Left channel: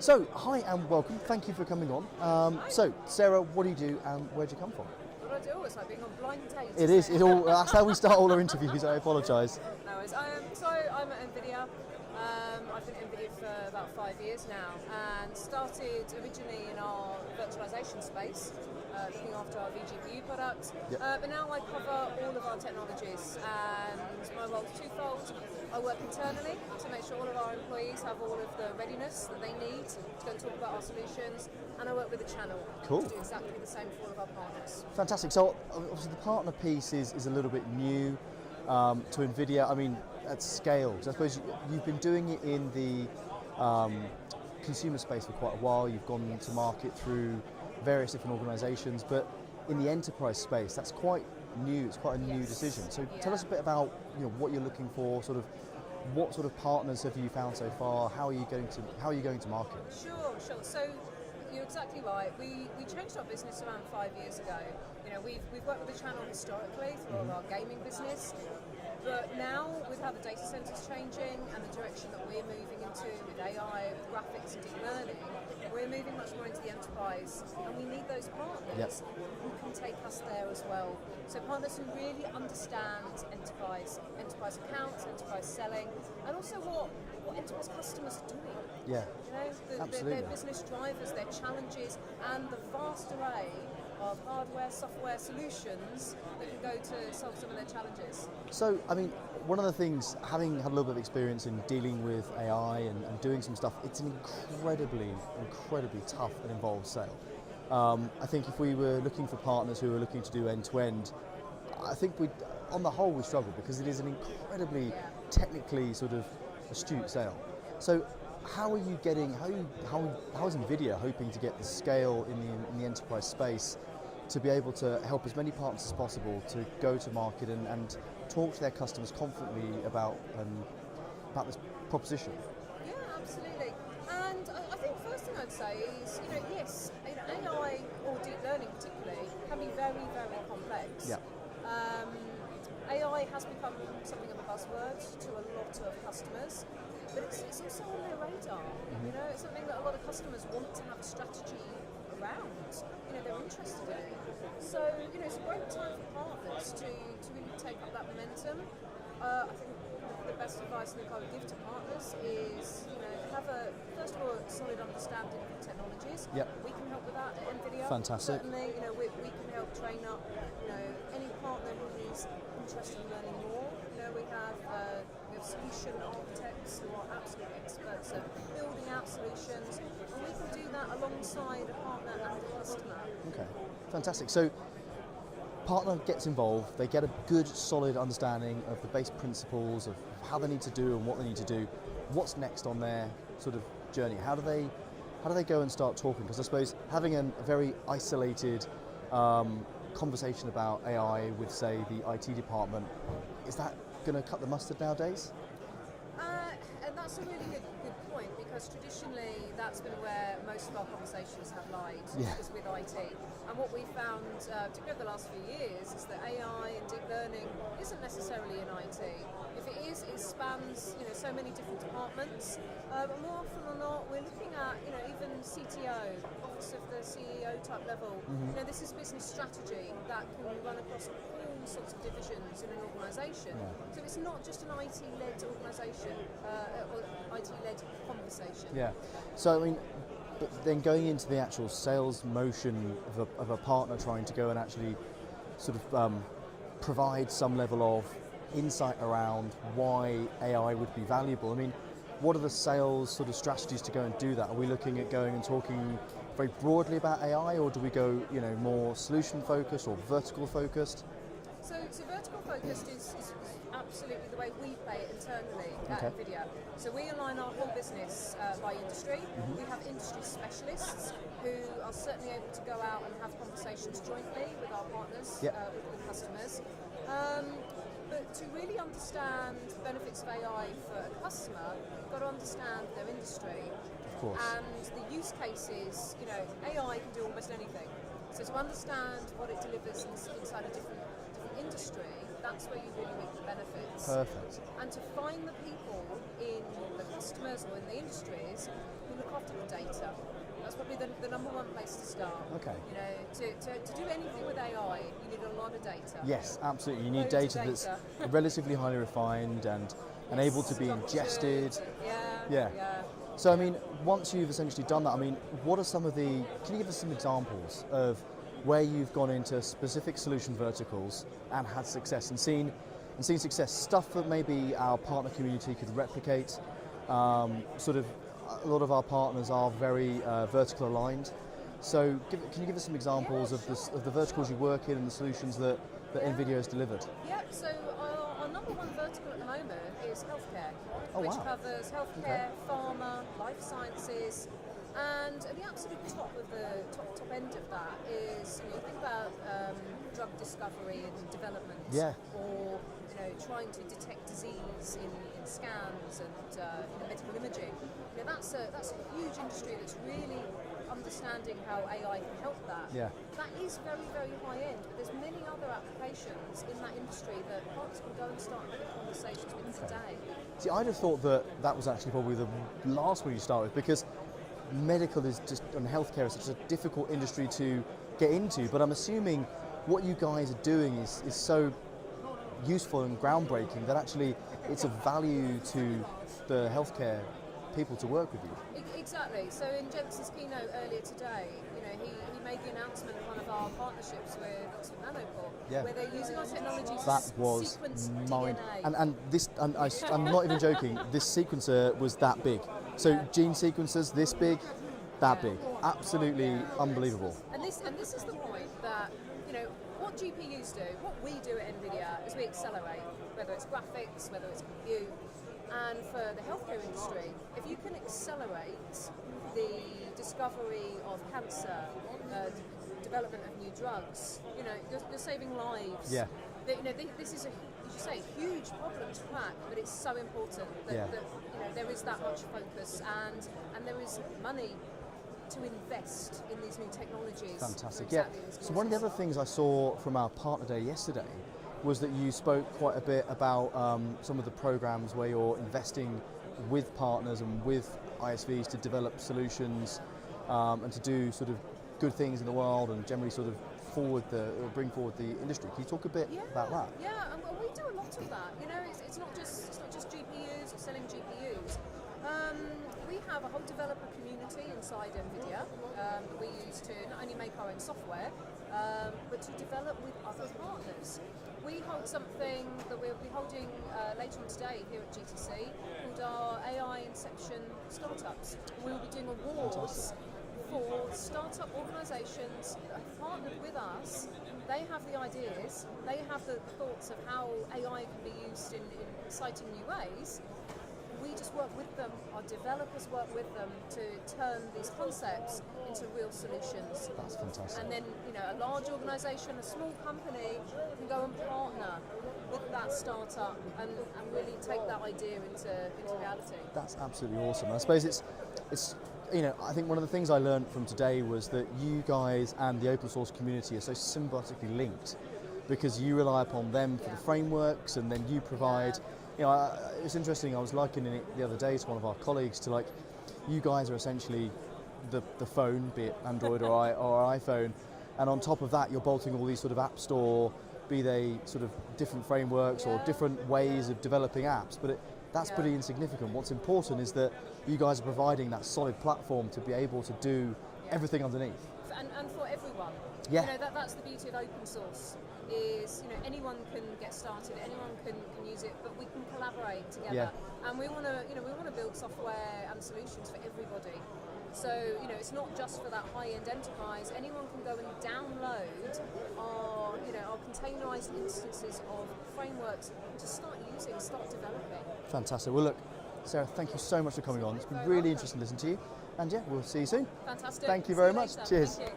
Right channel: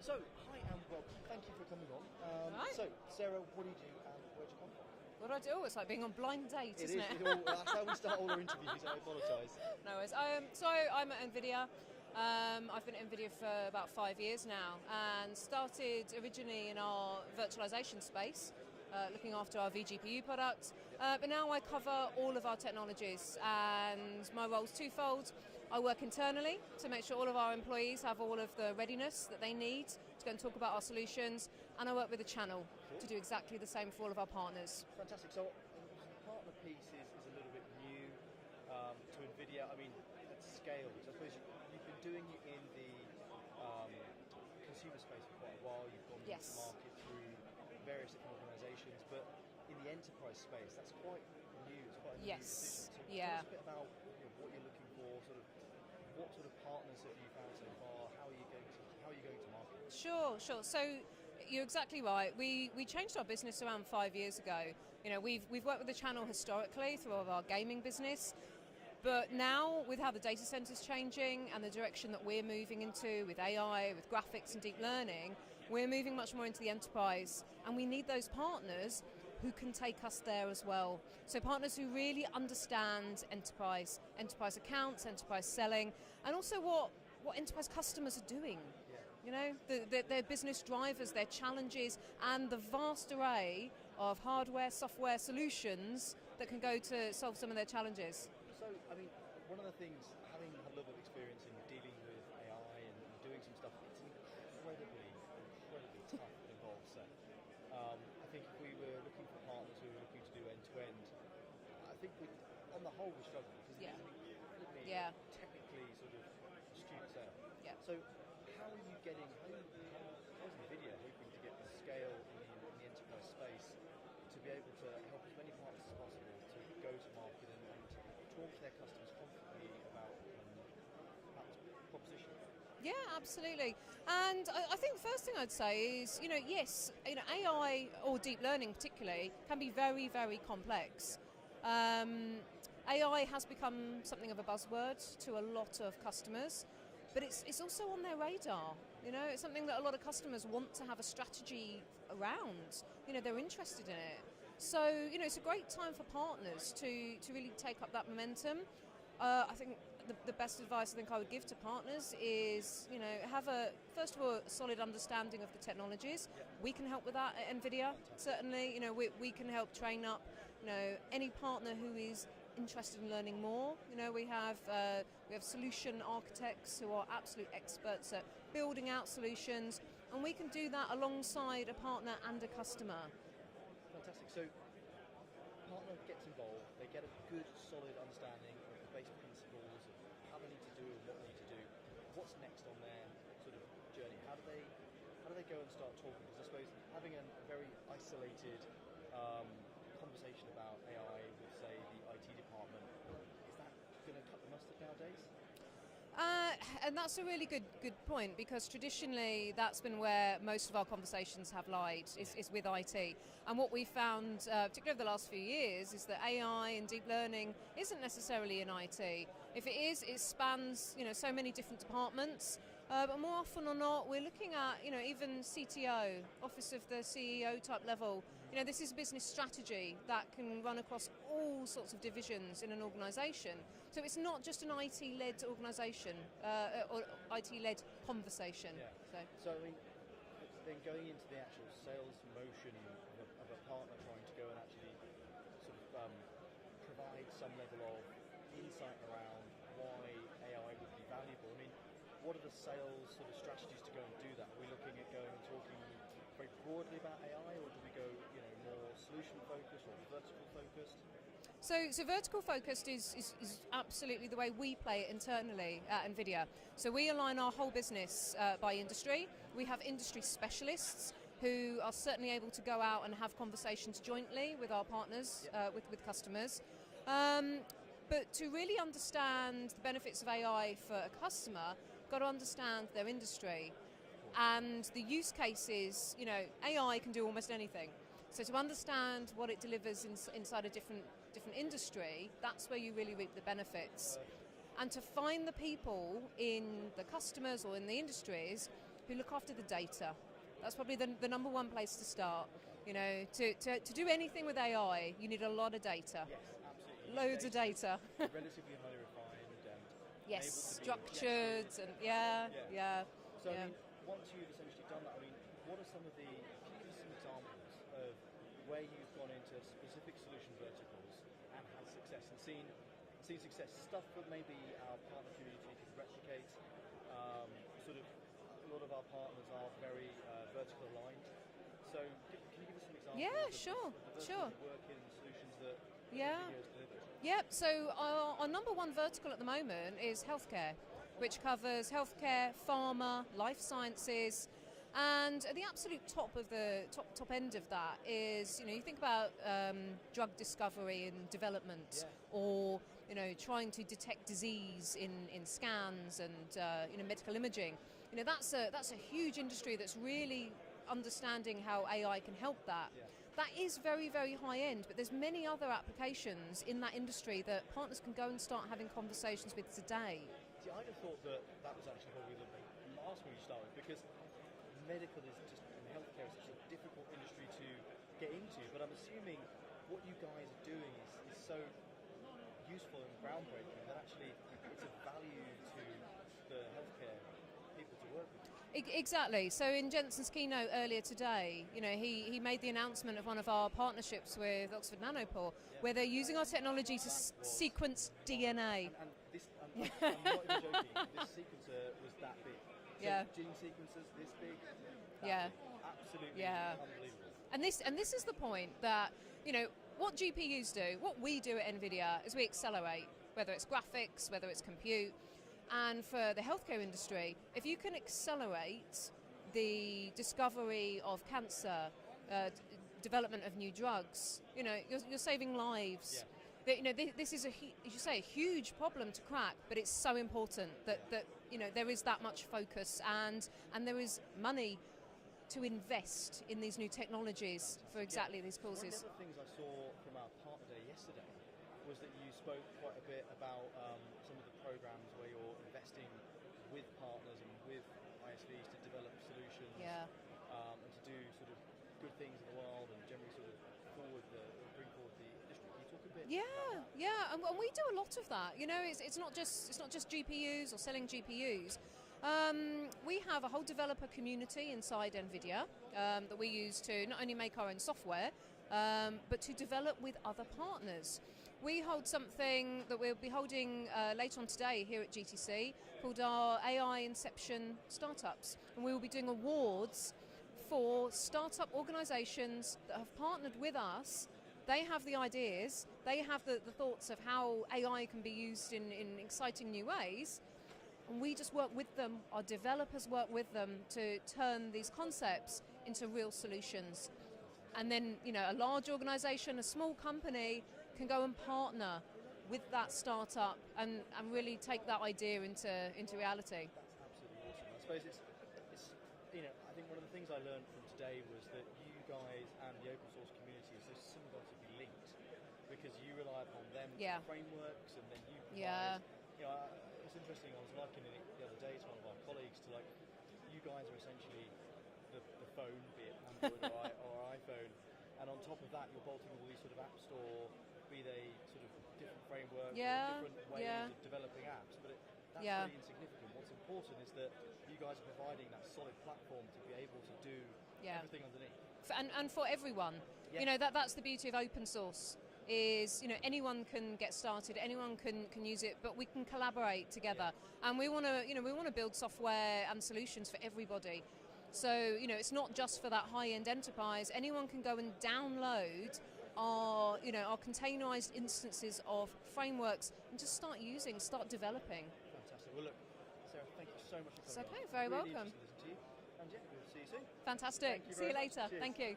So, hi and welcome. Thank you for coming on. So, Sarah, what do you do and where'd you come from? What I do, it's like being on blind date. It is. That's how we start all our interviews. I apologise. No, so I'm at Nvidia. I've been at Nvidia for about 5 years now, and started originally in our virtualization space, looking after our vGPU products. Yep. But now I cover all of our technologies, and my role is twofold. I work internally to make sure all of our employees have all of the readiness that they need to go and talk about our solutions, and I work with the channel Cool. to do exactly the same for all of our partners. Fantastic. So, obviously, the partner piece is a little bit new to Nvidia. I mean, at scale. So I suppose you've been doing it in the consumer space for quite a while. You've gone to market through various different organisations, but in the enterprise space, that's quite new. It's quite a new decision. So tell us a bit about what you're looking for. Sort of, what sort of partners have you found so far? How are you going to market? Sure. So you're exactly right. We changed our business around 5 years ago. We've worked with the channel historically through all of our gaming business. But now, with how the data centre's changing and the direction that we're moving into with AI, with graphics and deep learning, we're moving much more into the enterprise, and we need those partners who can take us there as well. So partners who really understand enterprise accounts, enterprise selling, and also what enterprise customers are doing. Yeah. Their business drivers, their challenges, and the vast array of hardware, software solutions that can go to solve some of their challenges. So, I mean, one of the things, having had a little bit of experience in dealing with AI and doing some stuff, it's an incredibly tough and involved sale. I think if we were looking for partners who are looking to do end-to-end, I think on the whole we struggle because it is an incredibly technically sort of astute sale. So how is Nvidia hoping to get the scale in the enterprise space to be able to help as many partners as possible to go to market and talk to their customers confidently about this proposition? Yeah, absolutely. And I think first thing I'd say is, yes, AI or deep learning particularly can be very, very complex. Yeah. AI has become something of a buzzword to a lot of customers, but it's also on their radar. It's something that a lot of customers want to have a strategy around. They're interested in it. So, it's a great time for partners to really take up that momentum. I think the best advice I think I would give to partners is, have first of all, a solid understanding of the technologies. Yep. We can help with that at Nvidia. Fantastic. Certainly, we can help train up, any partner who is interested in learning more. We have solution architects who are absolute experts at building out solutions, and we can do that alongside a partner and a customer. Okay, fantastic. So, partner gets involved, they get a good solid understanding of the base principles of how they need to do and what they need to do. What's next on their sort of journey? How do they go and start talking? Because I suppose having a very isolated conversation about AI with, say, the IT department, is that going to cut the mustard nowadays? And that's a really good point, because traditionally that's been where most of our conversations have lied, is with IT. And what we found, particularly over the last few years, is that AI and deep learning isn't necessarily in IT. If it is, it spans so many different departments. But more often than not, we're looking at even CTO, Office of the CEO type level. Mm-hmm. This is business strategy that can run across all sorts of divisions in an organisation. Yeah. So it's not just an IT-led organisation. Or IT-led conversation. Yeah. So I mean, but then going into the actual sales motion of a partner trying to go and actually sort of provide some level of insight around why AI would be valuable. I mean, what are the sales sort of strategies to go and do that? Are we looking at going and talking very broadly about AI, or do we go more solution focused or vertical focused? So vertical focused is absolutely the way we play it internally at Nvidia. So we align our whole business by industry. Mm-hmm. We have industry specialists who are certainly able to go out and have conversations jointly with our partners, with customers. But to really understand the benefits of AI for a customer, you've got to understand their industry. Of course. And the use cases, AI can do almost anything. So to understand what it delivers inside a different industry, that's where you really reap the benefits. Perfect. And to find the people in the customers or in the industries who look after the data. That's probably the number one place to start. Okay. You know, to do anything with AI, you need a lot of data. Yes, absolutely. You need Loads of data that's relatively highly refined and able to be ingested. Yeah. So, I mean, once you've essentially done that, I mean, what are some of the, can you give us some examples of where you've gone into specific solution verticals and had success and seen success, stuff that maybe our partner community could replicate? Sort of, a lot of our partners are very vertical aligned. So, can you give us some examples of the verticals you work in and the solutions that Nvidia has delivered? Yep, so our number one vertical at the moment is healthcare, which wow. covers healthcare, pharma, life sciences, and at the absolute top of the top end of that is, you know, you think about drug discovery and development, or you know, trying to detect disease in scans and you know, medical imaging. You know, that's a huge industry that's really understanding how AI can help that. Yeah. That is very, very high end, but there's many other applications in that industry that partners can go and start having conversations with today. See, I'd have thought that was actually probably the last one you start with, because medical is just, and healthcare is such a difficult industry to get into, but I'm assuming what you guys are doing is so useful and groundbreaking that actually it's of value to the healthcare people to work with you. Exactly. So in Jensen's keynote earlier today, you know, he made the announcement of one of our partnerships with Oxford Nanopore, where they're using our technology to sequence DNA. And this, I'm not even joking, this sequencer was that big. So gene sequencers this big, that big. Absolutely unbelievable. And this is the point that, you know, what GPUs do, what we do at Nvidia is we accelerate, whether it's graphics, whether it's compute. And for the healthcare industry, if you can accelerate the discovery of cancer, development of new drugs, you know, you're saving lives. Yeah. You know, this is a huge problem to crack, but it's so important that you know, there is that much focus and there is money to invest in these new technologies. Fantastic. Exactly these So one of the other things I saw from our partner day yesterday was that you spoke quite a bit about some of the programs where you're investing with partners and with ISVs to develop solutions and to do sort of good things in the world and generally sort of bring forward the industry. Can you talk a bit about that? Yeah, well, we do a lot of that. You know, it's not just GPUs or selling GPUs. We have a whole developer community inside Nvidia that we use to not only make our own software, but to develop with other partners. We hold something that we'll be holding later on today here at GTC called our AI Inception Startups. And we will be doing awards for startup organisations that have partnered with us. They have the ideas, they have the thoughts of how AI can be used in exciting new ways. We just work with them, our developers work with them to turn these concepts into real solutions. That's fantastic. And then, you know, a large organisation, a small company can go and partner with that startup and really take that idea into reality. That's absolutely awesome. I suppose it's you know, I think one of the things I learned from today was that you guys and the open source community are so symbiotically linked, because you rely upon them for the frameworks and then you provide. You know, it's interesting, I was likening it the other day to one of our colleagues to, like, you guys are essentially the phone, be it Android or iPhone, and on top of that you're bolting all these sort of app store, be they sort of different frameworks or different ways of developing apps, but that's pretty insignificant. What's important is that you guys are providing that solid platform to be able to do everything underneath. And for everyone. Yeah. You know, that's the beauty of open source. Is, you know, anyone can get started, anyone can use it, but we can collaborate together. And we want to build software and solutions for everybody. So, you know, it's not just for that high-end enterprise. Anyone can go and download our containerized instances of frameworks and just start developing. Fantastic. Well, look, Sarah, thank you so much for coming on. It's been really interesting to listen to you. And we'll see you soon. Fantastic. Thank you very much. Later. Cheers. Thank you.